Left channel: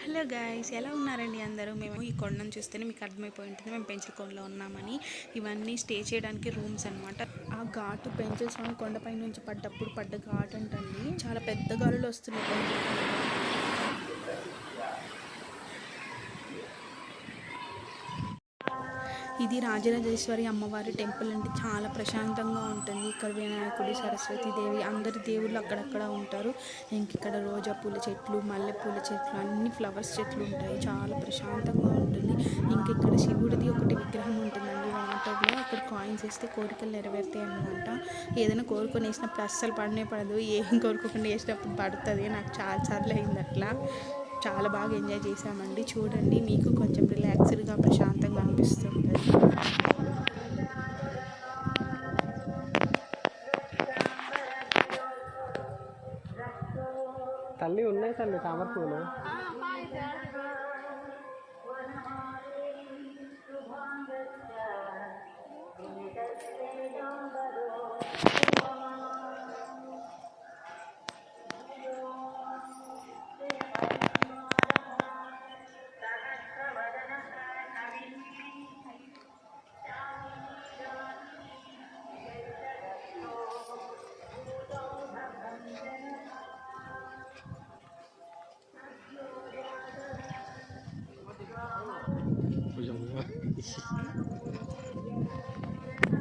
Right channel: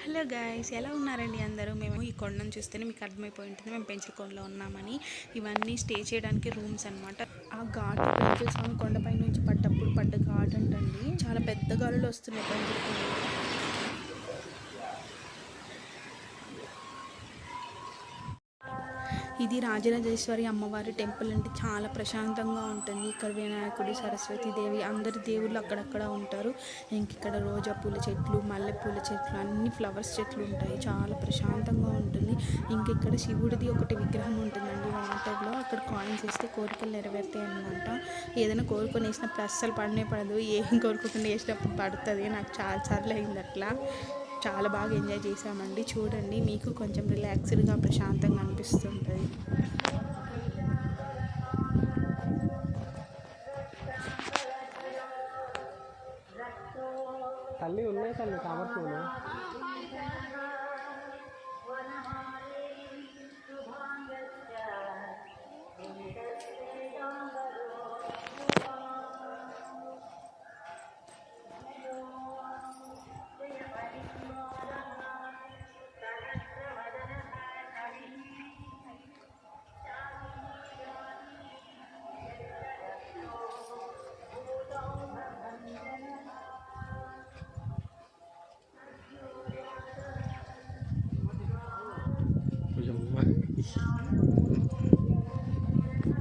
Hello guys ఎలా ఉన్నారండి అందరూ? మేము ఈ కొండను చూస్తేనే మీకు అర్థమైపోయి ఉంటుంది. మేము పెంచల కొండలో ఉన్నామని. ఇవన్నీ స్టే చేయడానికి రూమ్స్ అన్నమాట. ఆ ఘాట్ పెంచల స్వామి కొండపై నుంచి పడ్డప్పుడు పడ్డ ఘాట్ అంటండి. చాలా పెద్ద గాలులు వస్తున్నాయి పెంచల కొండలో ఇది రాజరాజేశ్వరి అమ్మవారి టెంపుల్ అంటే చాలా ప్రశాంతంగా ఉంటుంది. ఇక్కడ వినాయకుడి సరస్వతి దేవి అందరి దేవుళ్ళు అక్కడక్కడ ఉంటారు. ఇంక ఇక్కడ రోజా పూల చెట్లు మల్లెపూల చెట్లు అన్ని ఫ్లవర్స్ చెట్లు ఉంటాయి. చాలా ప్రశాంతంగా ఉంటుంది. ఇంక ఇక్కడ శివుడిది ఒకటి విగ్రహం ఉంటుందండి. వాటర్లో అక్కడ కాయిన్స్ వేస్తే కోరికలు నెరవేరుతాయి అనమాట ఏదైనా కోరుకొని వేసినప్పుడు అస్సలు పడనే పడదు. ఏం కోరుకోకుండా వేసినప్పుడు పడుతుంది. నాకు చాలా సార్లు అయింది అట్లా. చాలా బాగా ఎంజాయ్ చేసామండి చూడండి మీకు కొంచెం రిలాక్స్డ్గా ప్రశాంతంగా అనిపిస్తుంటుంది. తల్లి ఉన్నాయి తల్లి తామర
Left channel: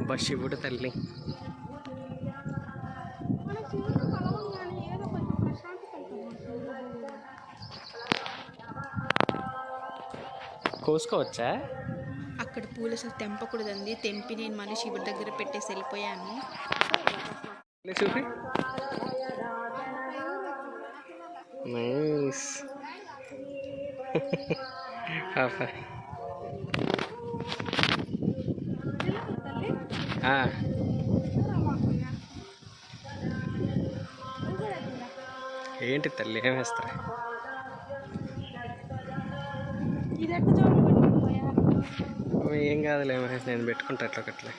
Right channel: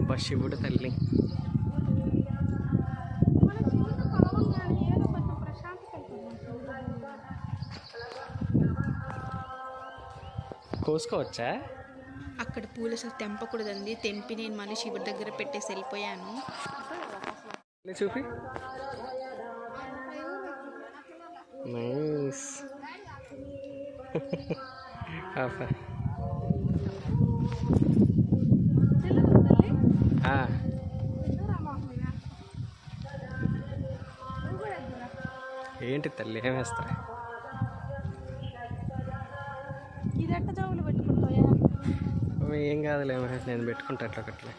పువ్వులు బా శివుడు తల్లి. కోసుకోవచ్చా? అక్కడ పూలు అసలు తెంపకూడదండి. తెంపి నేను మళ్ళీ శివుడి దగ్గర పెట్టేసి వెళ్ళిపోయాను. చూపి. నైస్ పాప ఆ, Ah. ఏంటి తల్లి ఏం వేస్తా ఏం కాదులే నేను పెట్టుకుంటా అట్లా ఒకట్లే.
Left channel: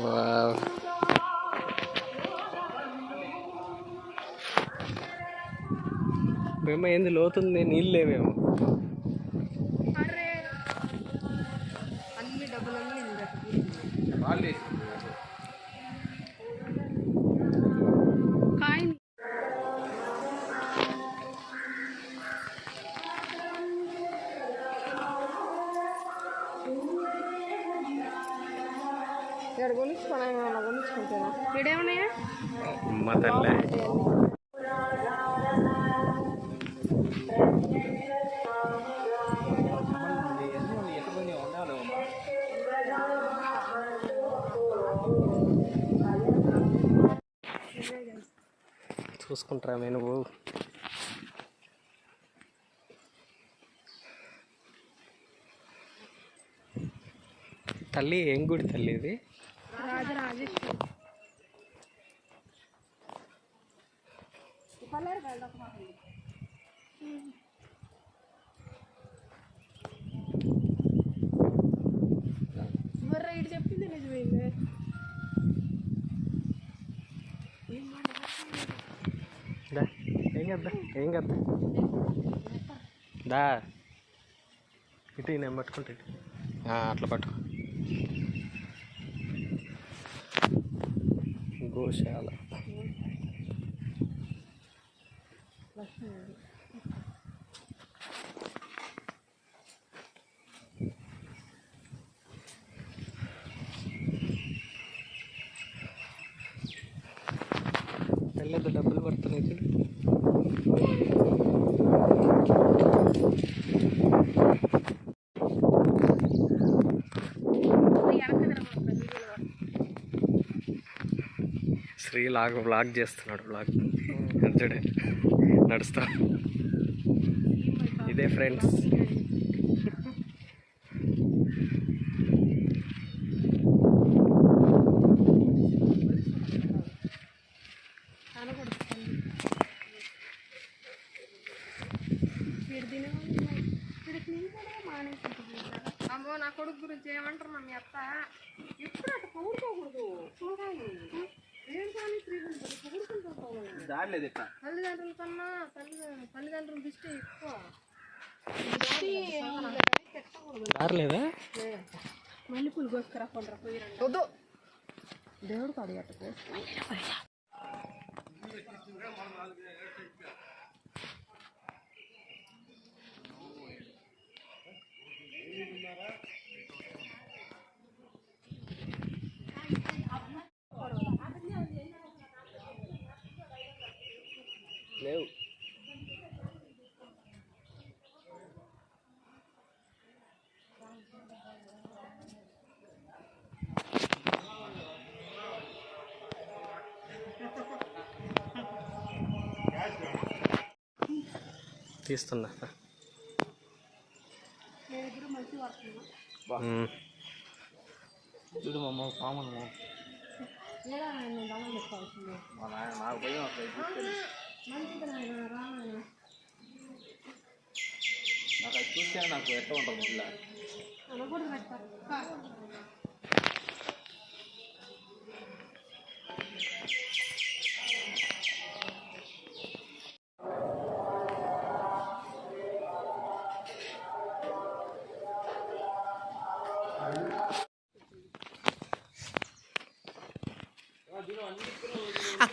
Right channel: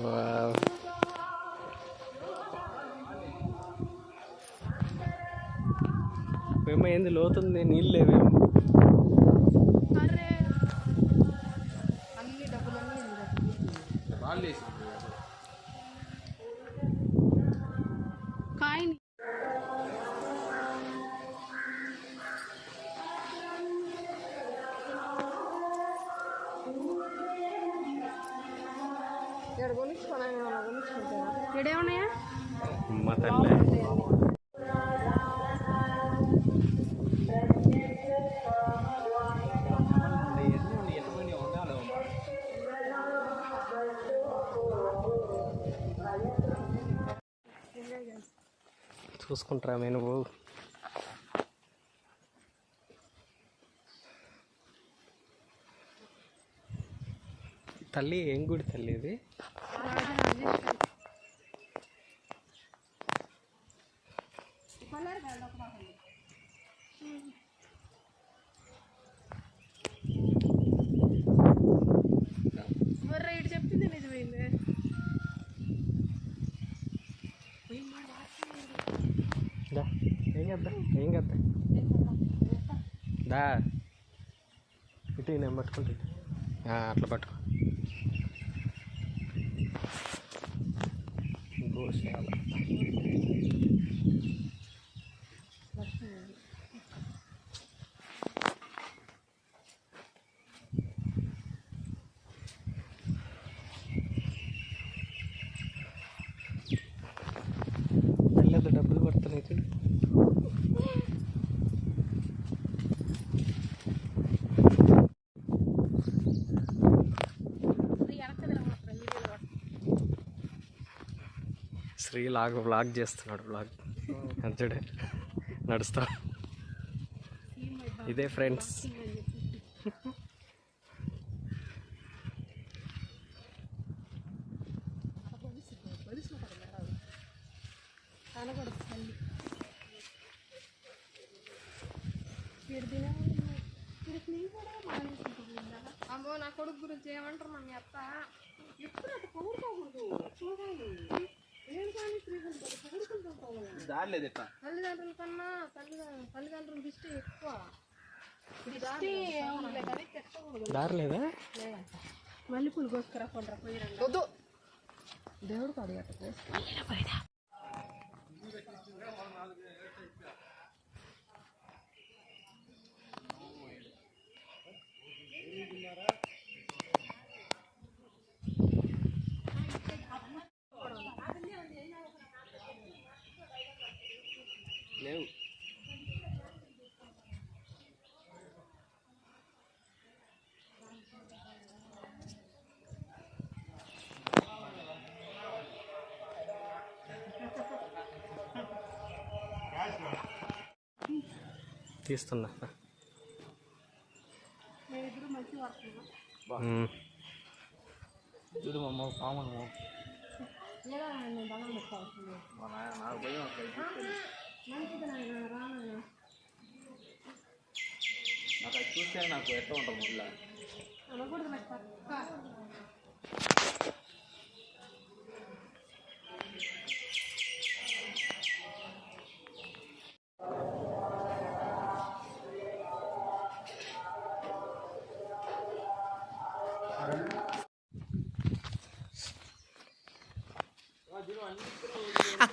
వావ్. మేము ఏంది లోతుంది నీళ్ళు లేవేమో. చేసుకుంటారా నేను? నువ్వు తల్లి ఏం గుడి తల్లి ఇది? ఏం కదా ఏం కదా దా ఇటు నేను పట్టుకుంటా ఇటు. ఆ, అట్లా పట్టుకో గోశాల వెళ్ళదు డబ్బులు పడుతున్నాయి చూడు శ్రీ లాగ్ వ్లాగ్ చేస్తున్నాడు వ్లాగ్ చూడే నడుస్తా. ఇదే ఫ్రెండ్స్ అమ్మో నా కొడుకు గురించి ఏమంటారు మా మీ అత్త హండ్రెడ్ పౌరుకుంటాం తల్లిదండ్రుల కన్నా తల్లి తల్లిదండ్రుల దృష్టి ఎక్కువ. దారి లేదా మల్లెపూలు కోసుకురా పోయి దేవుడు కడిగట్టు తీస్తున్నా. మేమిద్దరు మంచి పడుతున్నాం ఉమ్. లేదా నేను దండం పెట్టుకోవాల్సిందే.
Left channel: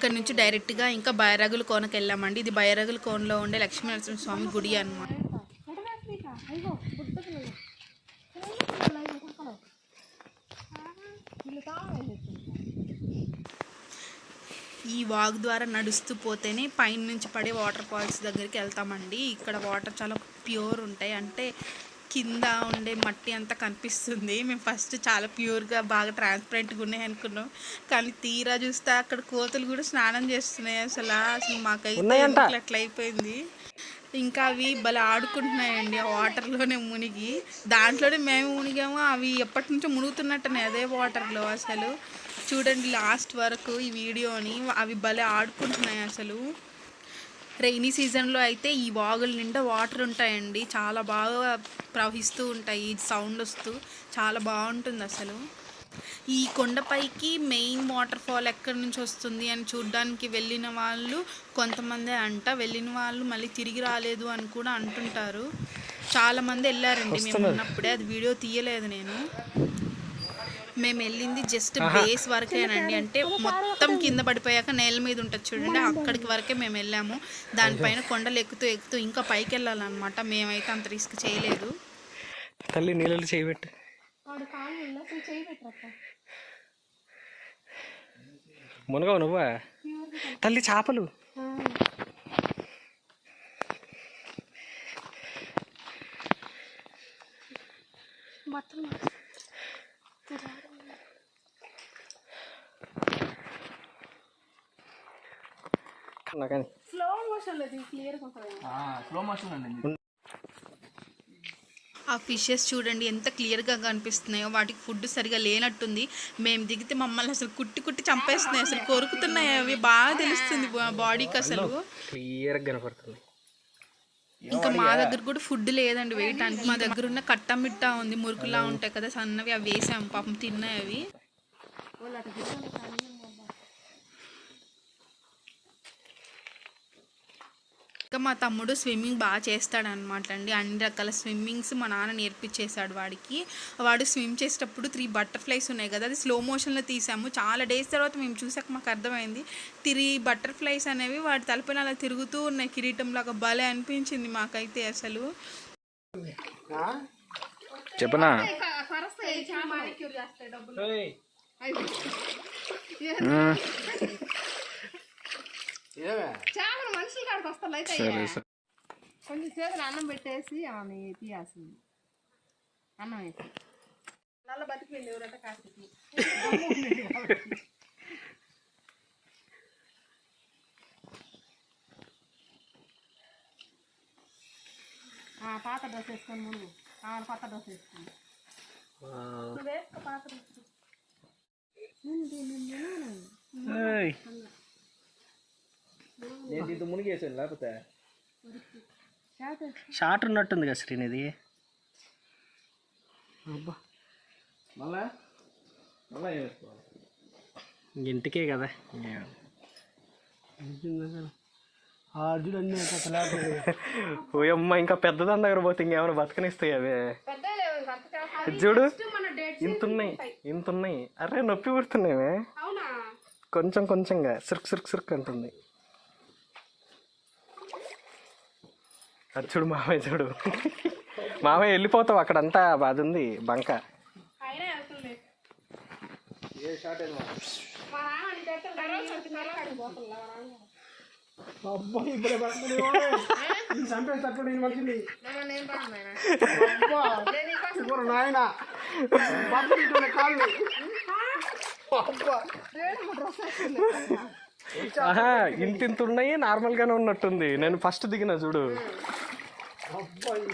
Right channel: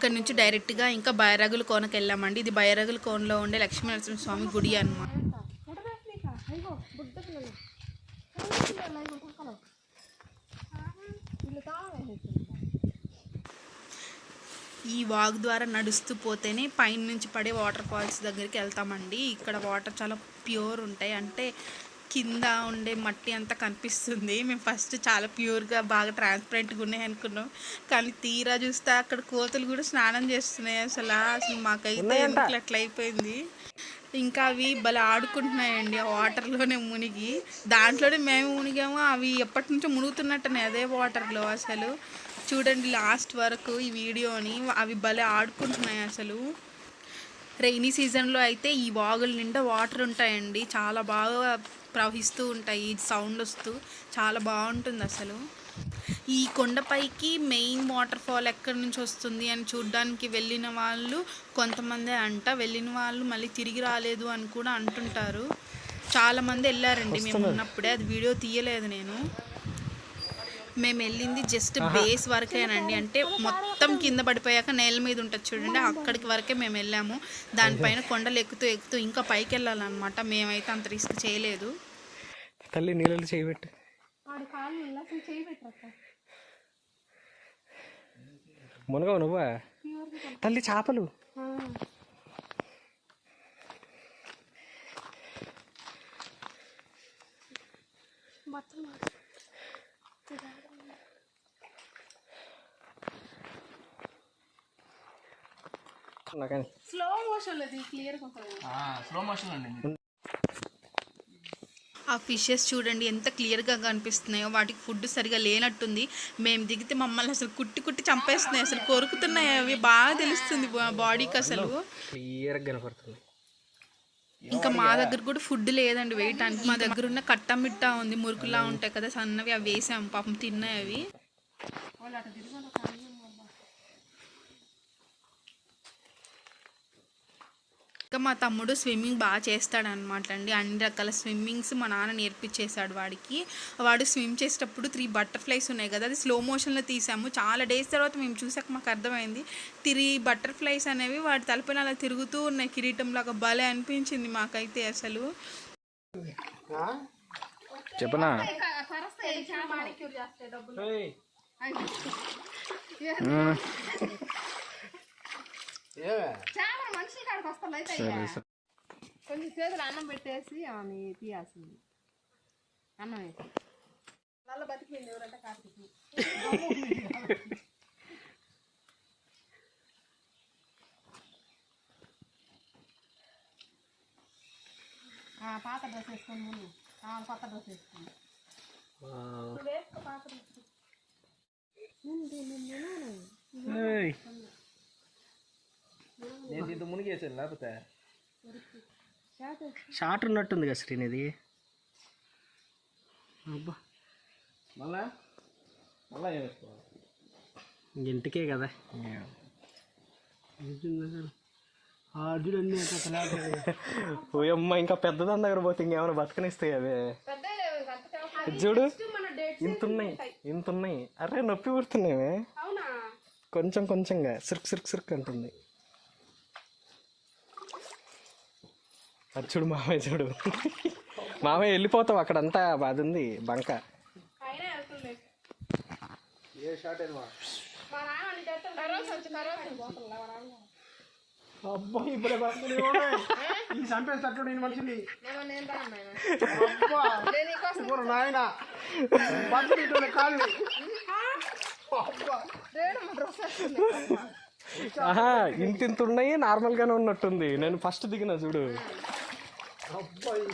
ఇక్కడ అక్కడ నుంచి డైరెక్ట్గా ఇంకా బైరాగుల కోనకి వెళ్ళామండి. ఇది బైరాగుల కోనలో ఉండే లక్ష్మీనరసింహ స్వామి గుడి అన్నమాట. ఈ వాగ్ ద్వారా నడుస్తూ పోతేనే పైన నుంచి పడే వాటర్ ఫాల్స్ దగ్గరికి వెళ్తామండి. ఇక్కడ వాటర్ చాలా ప్యూర్ ఉంటాయి. అంటే కింద ఉండే మట్టి అంతా కనిపిస్తుంది. మేము ఫస్ట్ చాలా ప్యూర్గా బాగా ట్రాన్స్పరెంట్గా ఉన్నాయి అనుకున్నాం. కానీ తీరా చూస్తే అక్కడ కోతులు కూడా స్నానం చేస్తున్నాయి అసలు. అసలు మాకైతే ఎందుకు అట్లా అయిపోయింది? ఇంకా అవి భలే ఆడుకుంటున్నాయండి. ఆ వాటర్లోనే మునిగి. దాంట్లోనే మేము మునిగాము. అవి ఎప్పటి నుంచో మునుగుతున్నట్టున్నాయి అదే వాటర్లో అసలు. చూడండి లాస్ట్ వరకు ఈ వీడియోని. అవి భలే ఆడుకుంటున్నాయి అసలు. రైనీ సీజన్లో అయితే ఈ వాగుల నిండా వాటర్ ఉంటాయండి. చాలా బాగా ప్రవహిస్తూ ఉంటాయి. సౌండ్ వస్తూ చాలా బాగుంటుంది అసలు. ఈ కొండపైకి మెయిన్ వాటర్ ఫాల్ ఎక్కడి నుంచి వస్తుంది అని చూడడానికి వెళ్ళిన వాళ్ళు కొంతమంది అంట. వెళ్ళిన వాళ్ళు మళ్ళీ తిరిగి రాలేదు అని కూడా అంటుంటారు. చాలామంది వెళ్ళారండి. మేము ఉన్నప్పుడే. అది వీడియో తీయలేదు నేను. మేము వెళ్ళింది జస్ట్ బేస్ వరకేనండి అంటే మొత్తం కింద పడిపోయాక నేల మీద ఉంటుంది చూడండి అక్కడికి వరకే మేము వెళ్ళాము. దానిపైన కొండలు ఎక్కుతూ ఎక్కుతూ ఇంకా పైకి వెళ్ళాలన్నమాట. మేమైతే అంత రిస్క్ చేయలేదు. తల్లి నీళ్ళు చేయబెట్టు. మునగవు నువ్వా? తల్లి చేపలు. బట్టలు కన్నా కానీ. స్లో మోషన్ స్లో మోషన్ అండి ఆ ఫిషెస్ చూడండి ఎంత క్లియర్గా కనిపిస్తున్నాయో వాటికి ఫుడ్ సరిగా లేనట్టుంది. మేము దిగితే మమ్మల్ని అసలు కుట్టి కుట్టి చంపేస్తున్నాయి అసలు కొరుకుతున్నాయి అవి. బాగా తెలుస్తుంది బాడీకి అసలు. క్లియర్గా కనపడుతుంది ఇంకా మా దగ్గర కూడా ఫుడ్ లేదండి వేయటానికి. మా దగ్గర ఉన్న కట్ట మిట్టా ఉంది మురుకులా ఉంటాయి కదా సన్నవి అవి వేసాము పాపం తిన్నాయి అవి. ఇంకా మా తమ్ముడు స్విమ్మింగ్ బాగా చేస్తాడు అనమాట అండి. అన్ని రకాల స్విమ్మింగ్స్ మా నాన్న నేర్పించేశాడు వాడికి. వాడు స్విమ్ చేసేటప్పుడు త్రీ బటర్ఫ్లైస్ ఉన్నాయి కదా అది స్లో మోషన్లో తీసాము. చాలా డేస్ తర్వాత మేము చూసాక మాకు అర్థమైంది. త్రీ బటర్ఫ్లైస్ అనేవి వాడి తలపైన అలా తిరుగుతూ ఉన్నాయి. లాగా భలే అనిపించింది మాకైతే అసలు. చెప్పనా? డబ్బులు చేపలు మనుషుల కాడికి వస్తారు అయితే కొంచెం చేతులు అన్నం పెట్టేసి ఆమె తీయాల్సింది. అన్నం వేసి నల్ల బతికింది ఎవరంటే కాకి పాత డ్రెస్ వేసుకొని ముందు ఆ, పాత డ్రెస్ వేసుకుంది వేసుకో పాత డ్రెస్. ముందు నేను దీంతో మునిగేసాను లేకపోతే? షార్ట్ ఉన్నట్టుంది కదా శ్రీనిధి. అబ్బా. మళ్ళా? మళ్ళా వేసుకోవాలి? ఇంటికే కదా. చూడు అన్ని ఓ అమ్మ ఇంకా పెద్దదాని దగ్గర పోతే ఇంకేమైనా బతకనిస్తాయి అవే? చూడు ఇంత ఉన్నాయి ఇంత ఉన్నాయి అరే నొప్పి పుడుతున్నాయి. అవునా? కొంచెం కొంచెంగా సిర్క్ సిర్క్ సిర్క్ అంటుంది. అది చూడు మామయ్య చూడు. మామయ్య వెళ్ళిపోతావు అక్కడంతా అది ఉంది బంక. అయినా వెళ్తుంది ఏ షార్ట్ అయినా మా నాన్న అంటే రోజు వచ్చి నరకాడికి పోతుందా మా నాన్న అబ్బా ఇప్పుడు చంపేస్తట్టు నేను మనిషిని నేను రాను నాయన? నేను నీకోసం కూర నాయన బతుకుంటున్న కాళ్ళు రేణు డ్రెస్ ఆహా ఇంత ఇంత ఉన్నాయి నార్మల్ గానే ఉన్నట్టుంది. నేను ఫస్ట్ దిగిన చూడు. అబ్బాయి.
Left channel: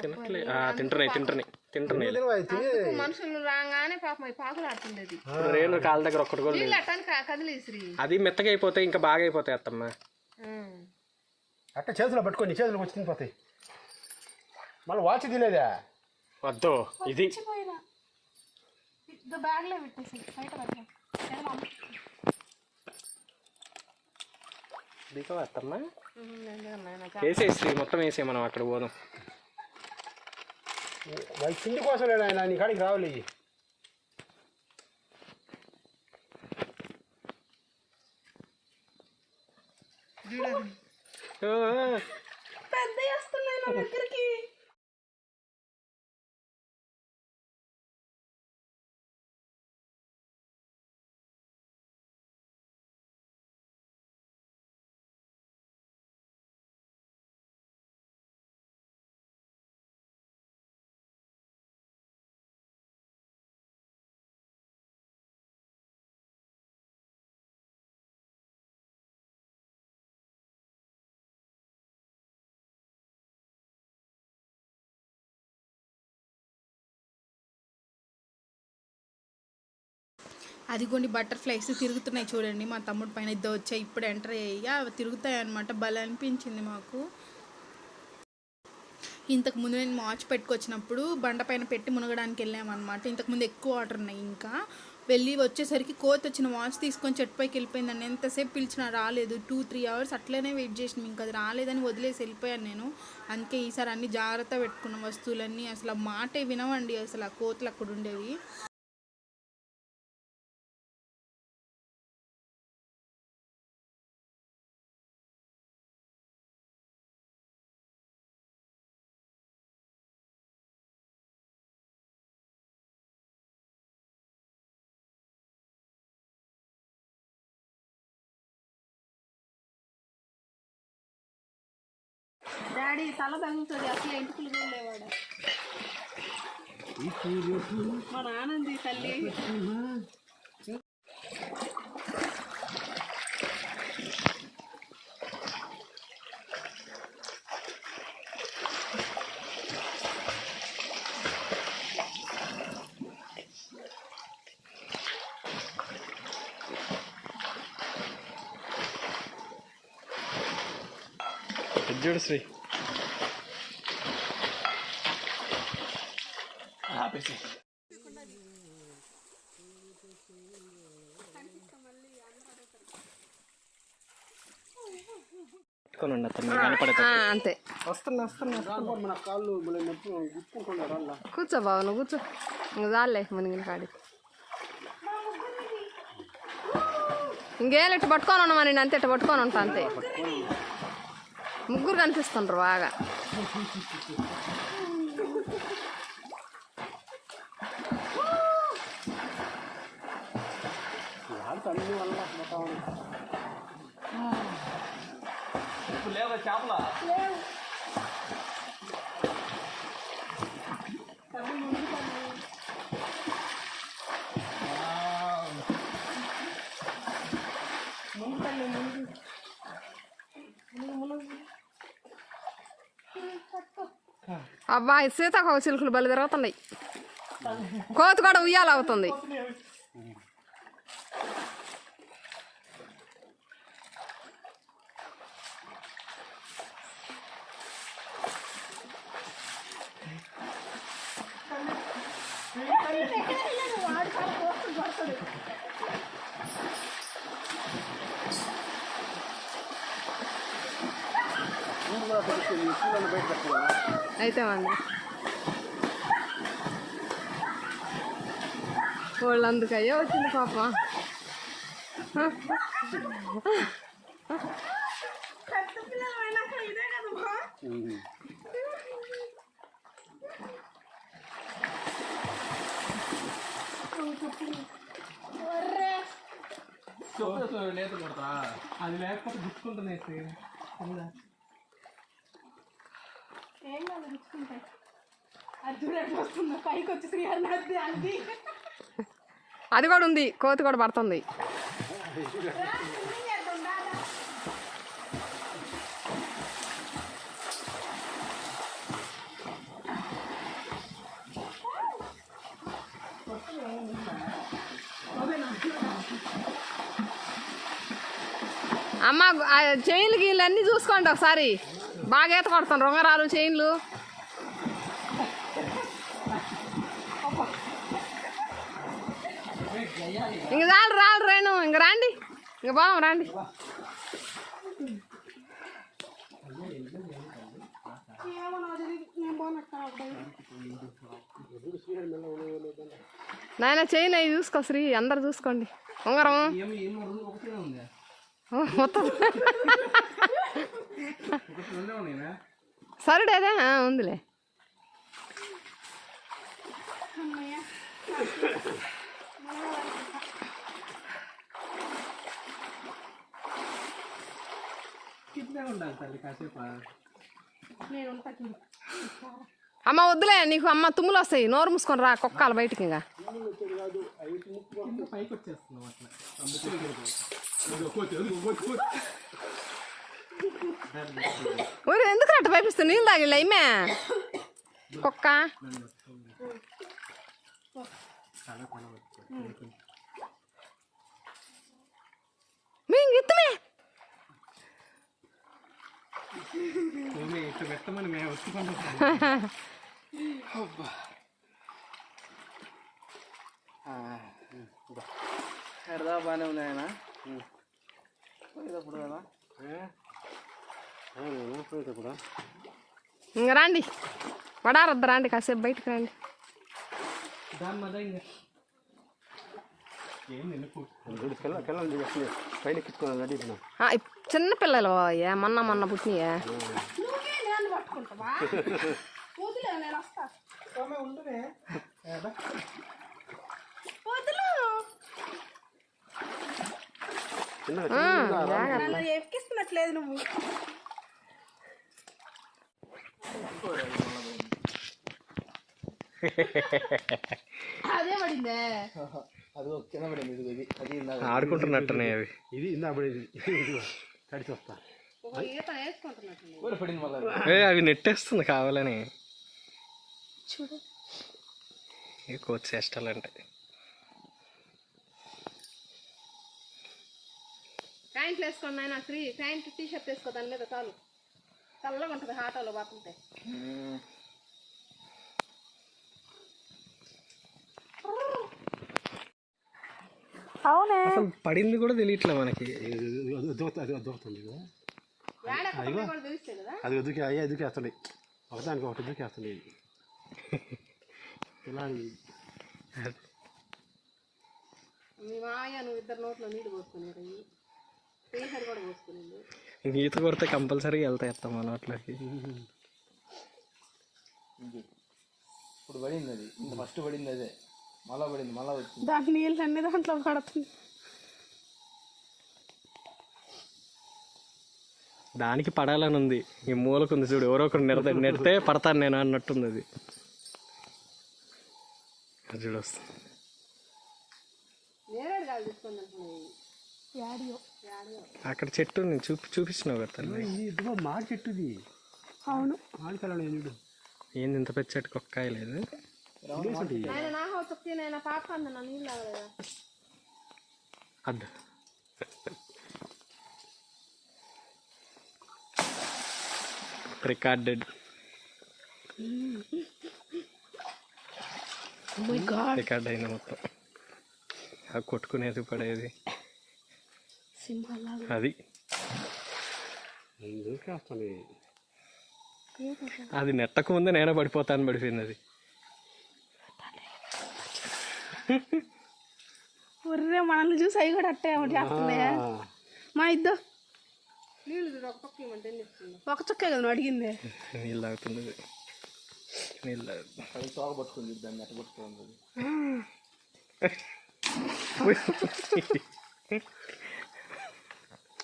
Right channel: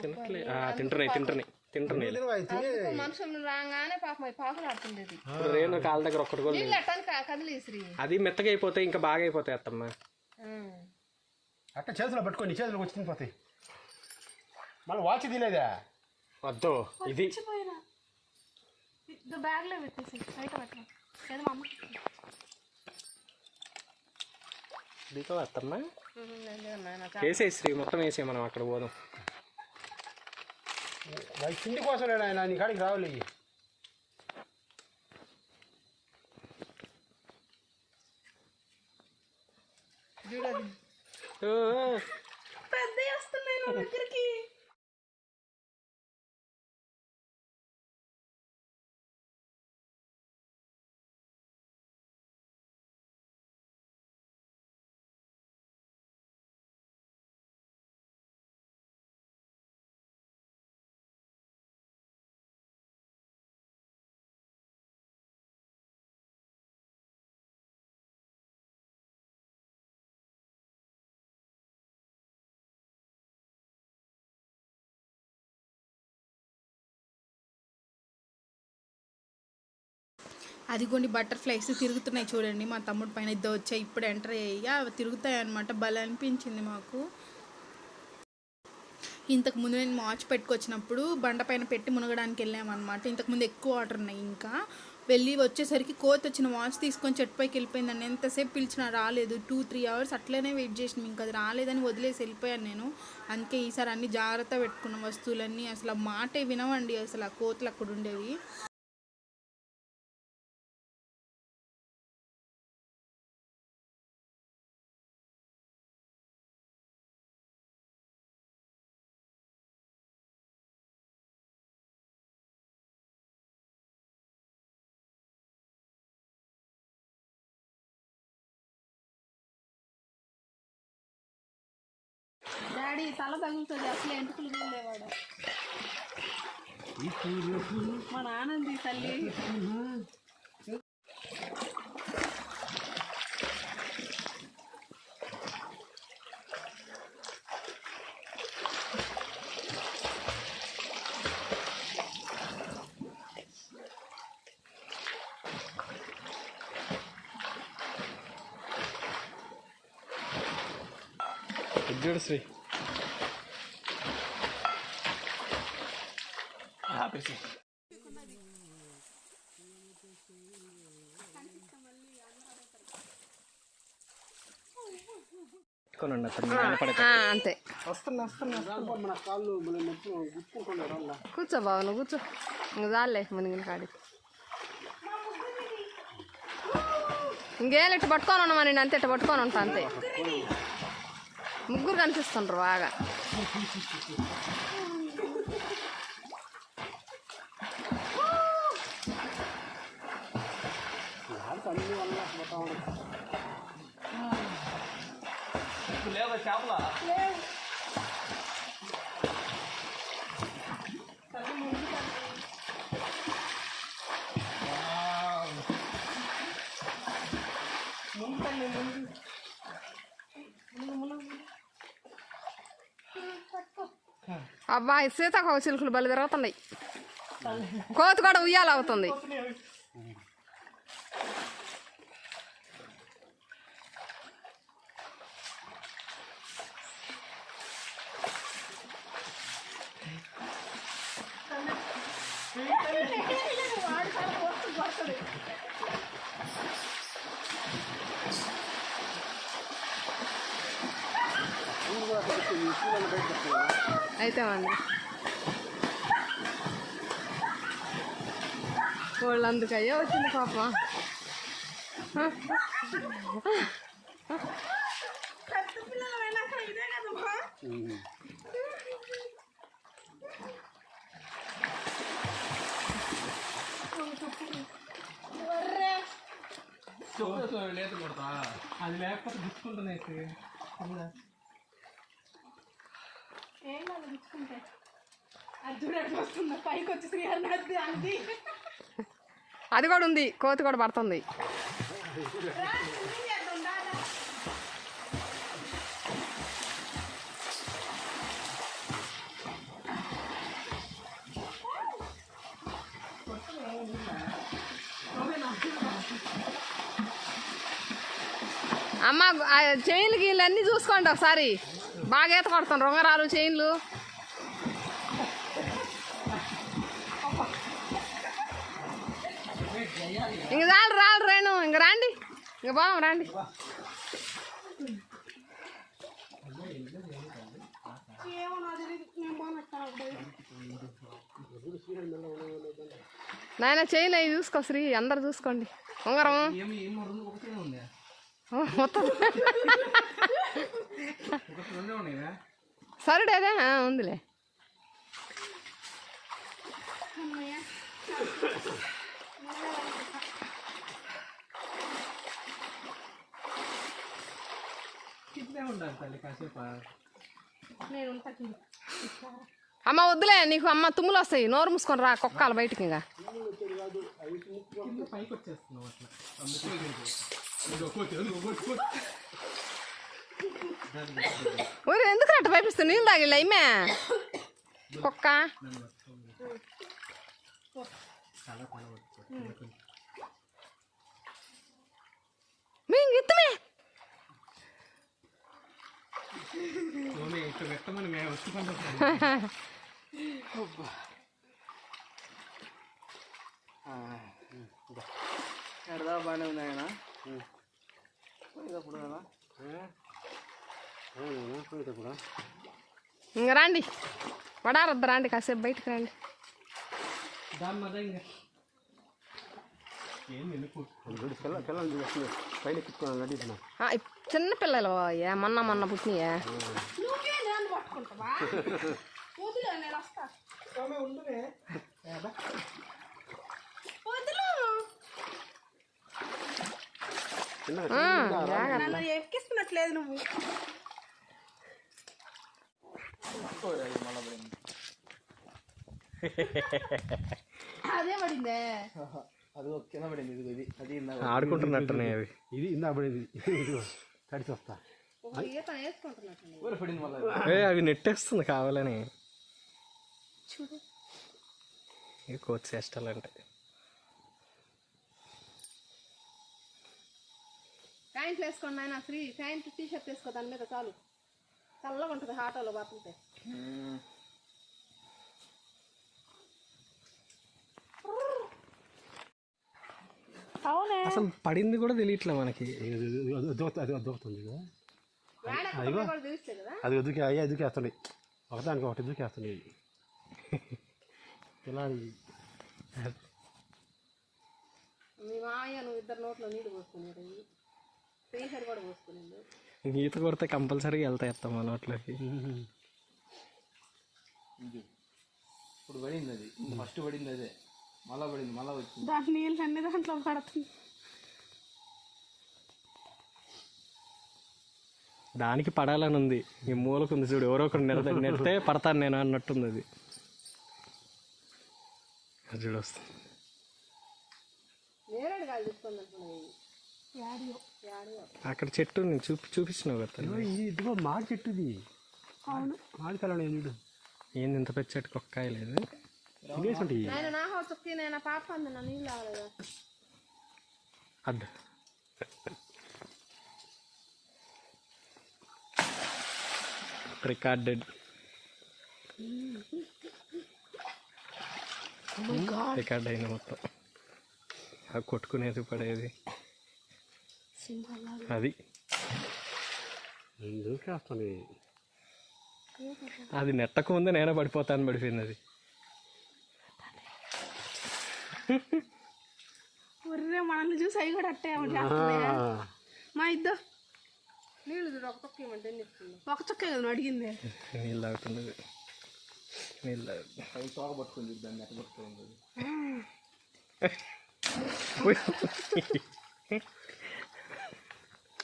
తినట్లే. ఆ, తింటున్నాయి తింటున్నాయి తింటున్నాయి అయితే? మనుషులు రాగానే పాపం అవి పాకులు ఆడుతుండేది. ఇప్పుడు రేణు కాళ్ళ దగ్గర ఒక్కటి కూడా అది మెత్తగా అయిపోతే ఇంకా బాగా అయిపోతాయి అత్తమ్మ. అట్ట చేతిలో పట్టుకొని చేతులకు వచ్చి తినిపోతాయి మళ్ళీ వాచ్ తీలేదా? వద్దు ఇది. బ్యాగ్లో పెట్టేసి బయట పెట్టిన నేను మా అమ్మ దిగవా అత్తమ్మ నేను దిగను నాయన. వేసేసి మొత్తం వేసే మనం అక్కడ పోదాం వాడి తిండి కోసం ఆయన నీ కాడికి రావాలి ఓ, ఓ. పెద్ద వస్తున్నాయి నా దగ్గరికి అదిగోండి బటర్ఫ్లైస్ తిరుగుతున్నాయి చూడండి. మా తమ్ముడు పైన ఇద్దరు వచ్చాయి ఇప్పుడు ఎంటర్ అయ్యి అవి తిరుగుతాయి అనమాట భలే అనిపించింది మాకు. ఇంతకుముందు నేను వాచ్ పెట్టుకొచ్చినప్పుడు బండ పైన పెట్టి మునగడానికి వెళ్ళామన్నమాట. ఇంతకుముందు ఎక్కువ వాటర్ ఉన్నాయి ఇంకా. వెళ్ళి వచ్చేసరికి కోత వచ్చిన వాచ్ తీసుకొని చెట్టు పైకి వెళ్ళిపోయిందండి. ఎంతసేపు పిలిచినా రాలేదు. టూ త్రీ అవర్స్ అట్లనే వెయిట్ చేసిన. ఇంకా అది రాలేదని వదిలేసి వెళ్ళిపోయాను నేను. అందుకే ఈసారి అన్ని జాగ్రత్త పెట్టుకున్న. వస్తువులన్నీ అసలు మాటే వినవండి. అసలు ఆ కోతలు అక్కడ ఉండేవి. డాడీ తల తగులుతుంది అసలు ఎంటుకలు వెళ్ళేవాడు లేవాడు మా నాన్నది తల్లి. ఇది చూడు శ్రీ ఆపేసి పెట్టుకోనండి అతను కనపడక అంతే వస్తున్నా వస్తున్నా మన కాళ్ళు మన నొప్పి గుచ్చుకుంటున్నారు అలా కూర్చో బావ నువ్వు కూర్చో. ఇంక చాలే మునిగిన కాడి ఇంకేం ఇట్ట పట్టుకొని ఉన్నామా నేను అంతే ఇట్ట పట్టుకొని ఉంటా అంతే. ముగ్గురు కనిపిస్తుండ్రు బాగా. లేదా చేపల అబ్బా అబ్బాయి సీతాకోక చిలుకలు బలి తిరుగుతున్నాయి కోతి కూడా ఉయ్యాల అవుతుంది అయితే అండి వచ్చింది పాపం లేత కొడతా. అది లేకపోతే గుచ్చుకుంటున్నాయి ఏం కాదు గుచ్చుకుంటే అది చూడండి వస్తుందా? పైకి వచ్చి శ్రీహరి అది అది అది కూడా ఉంది కోతి కూడా పడుతుంది. అమ్మ ఆ చైన్లు గీళ్ళు అన్నీ చూసుకోండి ఒకసారి. బాగా ఈత కొడతాను. రొంగరాలు చైన్లు ఇంక చాలు రాలు రేణు. ఇంక రండి. ఇంక పోదాం రండి. నాయన చైన్ అవి చూసుకో శ్రీ. అందరు చూసుకోండి. ఉంగరం మొత్తం. సరుడేదే ఉందిలే. అమ్మ వద్దులే నీకు అమ్మ తుమ్ములు వస్తాయి. నోరు మూసుకొని రా కుక్కలు బయటికి ఇంకా. పైకి వచ్చేస్తున్నాం అట్లా. ఒరే ఎందుకు అట్ట పైపిస్తుంది నీళ్ళు తాగిళ్ళ ఇమ్మే కుక్క. మీ ఇత్తమే మేము బాగానే ఉన్నాయన? ఇంక రండి. పడారద్దు రండి కాసేపు బయటికి రండి. చిన్న పిల్లలు మొన్న మొన్న పుట్టినయే? జాగ్రత్త. ఎక్కిస్తున్నట్లేదు నువ్వు. ఆడుకుంటున్నట్టున్నాయి అవి. ఇది తడిచి వస్తా. ఏ అవి నెట్టేస్తుంది కావాలని. ఇవి కోచ్ చేష్టాలు అంటే. ప్యాంట్లు వేసుకోండి ఆయన ఫ్రీ. ప్యాంట్ టీ షర్ట్ వేసుకో దాని మీద చాలు. చల్లగా ఉంటుంది ఆటోలో అవునే. అసలు పడింది కూడా తెలియట్లే మనకి. అది ఎదుకే అయ్యే ఎదుకేస్తున్నాయి ఒకదానికి ఒకటి ఎదుకేస్తున్నాయి ఇలా మీ మాయ నువ్వు ఇద్దరు నోట్లో నీళ్ళు పోసుకున్నారు శ్రీహరి కూడా పోసుకున్నాడు ఈత కొడితే కంపల్సరీగా వెళ్తాయి అత్త మన నోట్లోకి ఇప్పుడు పడింది అది. ఫస్ట్ పడింది అదే. మళ్ళా పడింది మళ్ళా వచ్చింది. దాని నీళ్ళు అన్ని దాంట్లో పడుతుంది. దానికి పడాలని ఉంది. ఈ మూలకు ఉంది చూడు ఎవరో ఒకరు నెడత నెడితే పడతాను నేను అన్నట్టుంది అది. అది చూడు వస్తుంది. అక్కడ చెట్టు నేను చూపి చూపించినావు కదా ఇదిగో మాడి చెట్టుది. అవును. ఏంది ఇంత పెద్ద చెట్టుకు ఒక్క కాయ లేదు? అడ్డు రికార్డెడ్ రికార్డ్ అయింది మొత్తం. ఆ కొట్టుకునేది పడేది. అది. అది నెట్టక ముందే నేనే పడిపోతాను పడిపోయింది అది ఒర్రే మనల్ని చూసి అవి కూడా అట్టే చేస్తున్నాయా? మా ఇద్దరు నీళ్ళు చూడు ఒక పక్క ఒక చొక్కే కదా నువ్వు అడిగింది. నీళ్ళు తాగుతుంది. నీళ్ళు దాన్ని ఎట్ట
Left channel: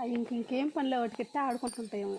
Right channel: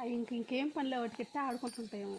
అవి ఇంక ఇంకేం పనిలో వాటికి ఎత్తే ఆడుకుంటుంటాయేమో.